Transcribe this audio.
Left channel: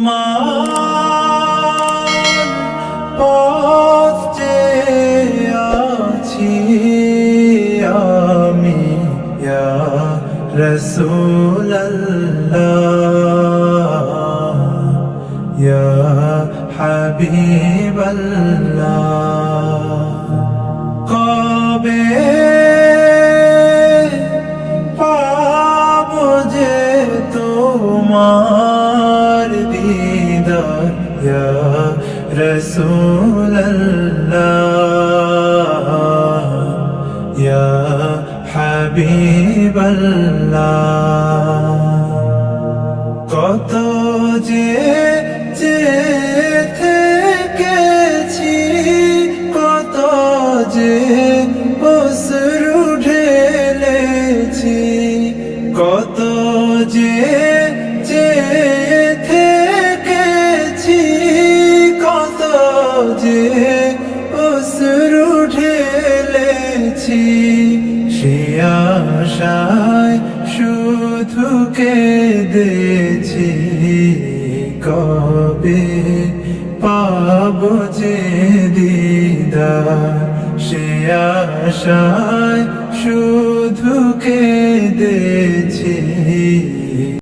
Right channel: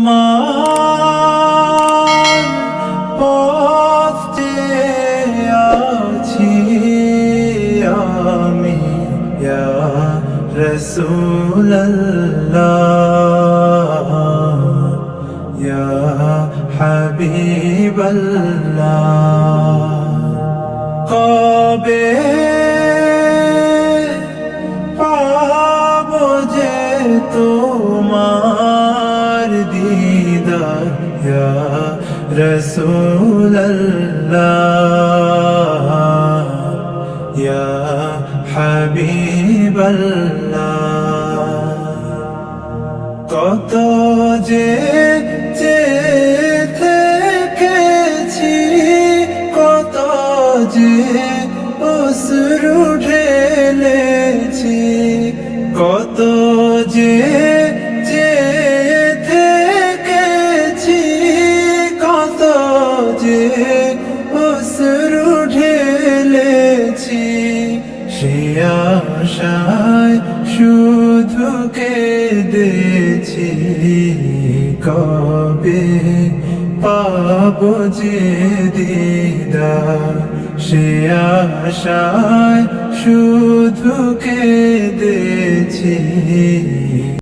তোমার চেয়ে আছি আমি রাসূলুল্লাহ ইয়া হাবিবাল্লাহ। কবে রাসূলুল্লাহ ইয়া হাবিবাল্লাহ কত যে থেকেছি কত যে অশ্রু ঢেলেছি কত যে থেকেছি এসেছি শিয়াশায় শুধু কেঁদেছি। কবে পাব যে দিদা শিয়াশায় শুধু কেঁদেছি।